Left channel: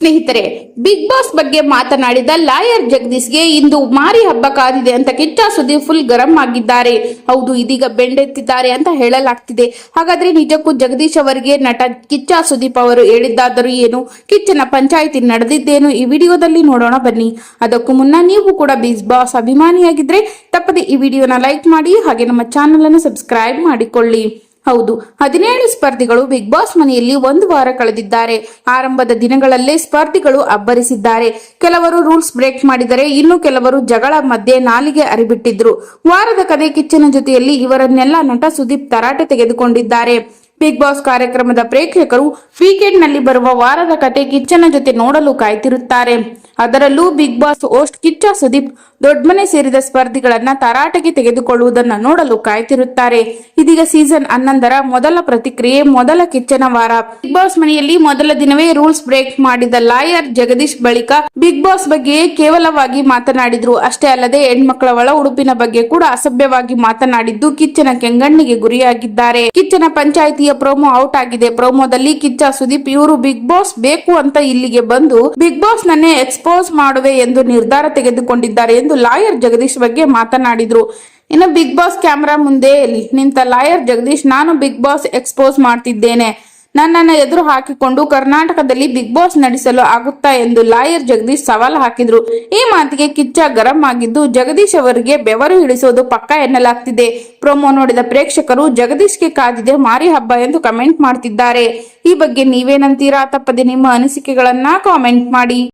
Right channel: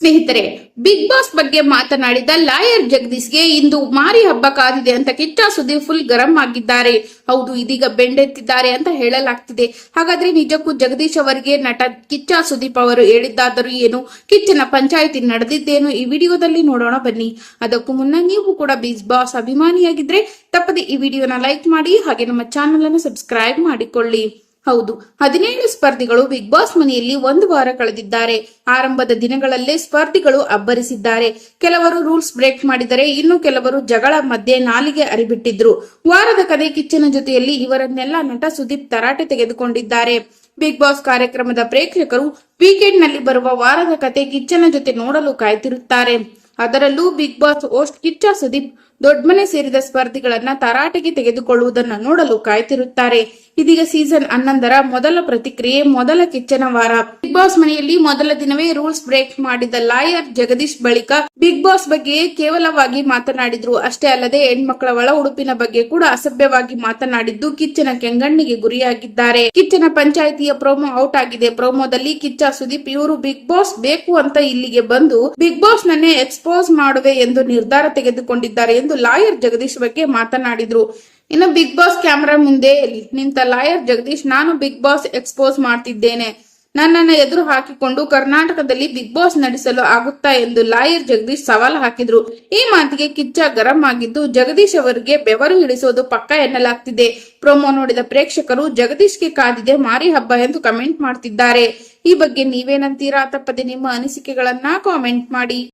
ಸ್ನೇಹಿತರೆ big boss ಬಗ್ಗೆ ಮಾತನಾಡಿದ ಲಾಯರ್ ಜಗದೀಶ್ಗೆ ಇಂದು ಮಾರಿ ಹಬ್ಬ ಕಾದಿದೆ ಅಂತ ಕಿಚ್ಚ ಸುದೀಪ್ ಫುಲ್ ಗರಂ ಆಗಿದ್ದಾರೆ. ಹೌದು, ಇದೀಗ ಬೆಂಡೆತ್ತಿದ್ದಾರೆ ಅಂತ ಹೇಳಲಾಗ್ತಿದೆ. ಹಾಗಾದ್ರೆ ನಿಜಕ್ಕೂ ಜಗದೀಶ್ ಅವರಿಗೆ ನಟ ಕಿಚ್ಚ ಸುದೀಪ್ ಅವರು ಹೇಳಿದ್ದಾದರೂ ಏನು? ಕಿಚ್ಚನ ಪಂಚಾಯಿತಿ ನಡೆದಿದ್ದೇನು? ಈ ವಿಡಿಯೋದಲ್ಲಿ ನೋಡೋಣ ಬನ್ನಿ. ಅದಕ್ಕೂ ಮುನ್ನ ನೀವು ಕೂಡ ಬಿಗ್ ಬಾಸ್ ಅಭಿಮಾನಿಯಾಗಿದ್ರೆ ತಪ್ಪದೆ ಈ ವಿಡಿಯೋನ ಲೈಕ್ ಮಾಡಿ ಹಾಗೆ ನಮ್ಮ ಚಾನೆಲ್ ಅನ್ನು ಸಬ್ಸ್ಕ್ರೈಬ್ ಮಾಡಿಕೊಳ್ಳಿ. ಹೌದು, ಹದಿನೇಳು ಸ್ಪರ್ಧಿಗಳು ಬಿಗ್ ಬಾಸ್ ಮನೆಯಲ್ಲಿ ಒಂದು ವಾರ ಕಳೆದಿದ್ದಾರೆ. ಆರಂಭದ ದಿನಗಳಲ್ಲೇ ಸ್ಪರ್ಧಿಗಳು ಅಬ್ಬರಿಸಿದ್ದಾರೆ. ಕೆಲವರು ರೂಲ್ಸ್ ಬ್ರೇಕ್ ಮಾಡಿದರೆ ಇನ್ನು ಕೆಲವರು ಜಗಳ ಮಧ್ಯೆ ನಾಲಿಗೆ ಅರಿಬಿಟ್ಟಿದ್ರು. ವಾರದ ಕದೆ ಕಿಚ್ಚನ ಜೊತೆಯಲ್ಲಿ ಇವರನ್ನೆಲ್ಲ ನಟ ಸುದೀಪ್ ತರಾಟೆ ತೆಗೆದುಕೊಂಡಿದ್ದಾರೆ. ಬಿಗ್ ಬಾಸ್ ಕಾರ್ಯಕ್ರಮದ ಪ್ರೇಕ್ಷಕರು ವೀಕೆಂಡ್ನಲ್ಲಿ ಬರುವ ವಾರದ ಕತೆ ಕಿಚ್ಚನ ಜೊತೆ ನೋಡಲು ಕಾಯ್ತಿರುತ್ತಾರೆ. ಅದರಲ್ಲೂ Big Boss host Kichcha Sudeep ದೊಡ್ಡಮನೆ ಸೇರಿದ ಸ್ಪರ್ಧಿಗಳನ್ನ ತರಾಟೆಗೆ ತೆಗೆದುಕೊಳ್ಳುವುದನ್ನ ನೋಡಲು ಕಾಯ್ತಿರುತ್ತಾರೆ. ಇದೀಗ ಸೀಸನ್ ಹನ್ನೊಂದರ ಮೊದಲ ಪ್ರತಿಕ್ರಿಯೆ ಮೊದಲ ಕಿಚ್ಚನ ವಾರ. ಬಿಗ್ ಬಾಸ್ ಮನೆಯಲ್ಲಿ ಮೊದಲ ದಿನವೇ ರೂಲ್ಸ್ ಬ್ರೇಕ್ ಮಾಡಿದ ಲಾಯರ್ ಜಗದೀಶ್ ಬಳಿಕ ಬಿಗ್ ಬಾಸ್ ಬಗ್ಗೆ ಕೇವಲವಾಗಿ ಮಾತನಾಡಿದ್ರು. ಅಷ್ಟೇ ಅಲ್ಲದೆ ಹೆಣ್ಮಕ್ಳ ಒಳ ಉಡುಪಿನ ಬಗ್ಗೆ ಕೂಡ ಅಸಭ್ಯವಾಗಿ ಮಾತನಾಡಿದ್ದು ಕಿಚ್ಚನ ಕೆಂಗಣ್ಣಿಗೆ ಗುರಿಯಾಗಿದ್ದಾರೆ. ಕಿಚ್ಚನ ಪಂಚಾಯಿತಿಯ ಪ್ರೋಮೋ ಔಟ್ ಆಗಿದೆ. ಪ್ರೋಮೋದಲ್ಲಿ ಕಿಚ್ಚ ಸುದೀಪ್ ಇವರು ಬಿಗ್ ಬಾಸ್ ಬೇಕು ಅಂತ ಇಲ್ಲಿಗೆ ಬಂದು ಬಿಗ್ ಬಾಸ್ ನನ್ನೇ ಎಕ್ಸ್ಪೋಸ್ ಮಾಡುವೆ ಎಂದು ನಿರ್ಧಾರ ತೆಗೆದುಕೊಂಡಿದ್ದಾರೆ ಎಂದು ಲಾಯರ್ ಜಗದೀಶ್ ಬಗ್ಗೆ ಮಾತನಾಡಿದ್ರು. ಇನ್ನು ಬಿಗ್ ಬಾಸ್ ಕ್ಯಾಮೆರಾ ಮುಂದೆ ನಿಂತ ಲಾಯರ್ ಜಗದೀಶ್, ನಾನು ಬಿಗ್ ಬಾಸ್ ಎಕ್ಸ್ಪೋಸ್ ಮಾಡ್ತಿದ್ದೇನೆ. ನನ್ನನ್ನು ಎದುರು ಹಾಕಿಕೊಂಡು ಕರ್ನಾಟಕದಲ್ಲಿ ಬಿಗ್ ಬಾಸ್ ನಡೆಸಲು ಆಗುತ್ತಾ ಎಂದು ಲಾಯರ್ ಜಗದೀಶ್ ಸವಾಲು ಹಾಕಿದ್ರು. ಈ ಮಾತಿಗೆ ಕಿಚ್ಚ ಗರಂ ಆಗಿದ್ದು, ಜಗದೀಶ್ ಅವರಿಗೆ ಬೆವರು ಇಳಿಸೋದು ಪಕ್ಕ ಎನ್ನಲಾಗ್ತಿದೆ. ಪ್ರೊಮೋ ನೋಡಿದ ಪ್ರೇಕ್ಷಕರು, ಜಗದೀಶ್ಗೆ ಕಾದಿದೆ ಮಾರಿ ಹಬ್ಬ ಎಂದು ಕಮೆಂಟ್ ಮಾಡ್ತಿದ್ದಾರೆ. ಈ ಬಗ್ಗೆ ನೀವೇನಂತೀರಾ? ತಪ್ಪದೆ ನಿಮ್ಮ ಅನಿಸಿಕೆಗಳನ್ನ ಕಾಮೆಂಟ್ ಮಾಡಿ.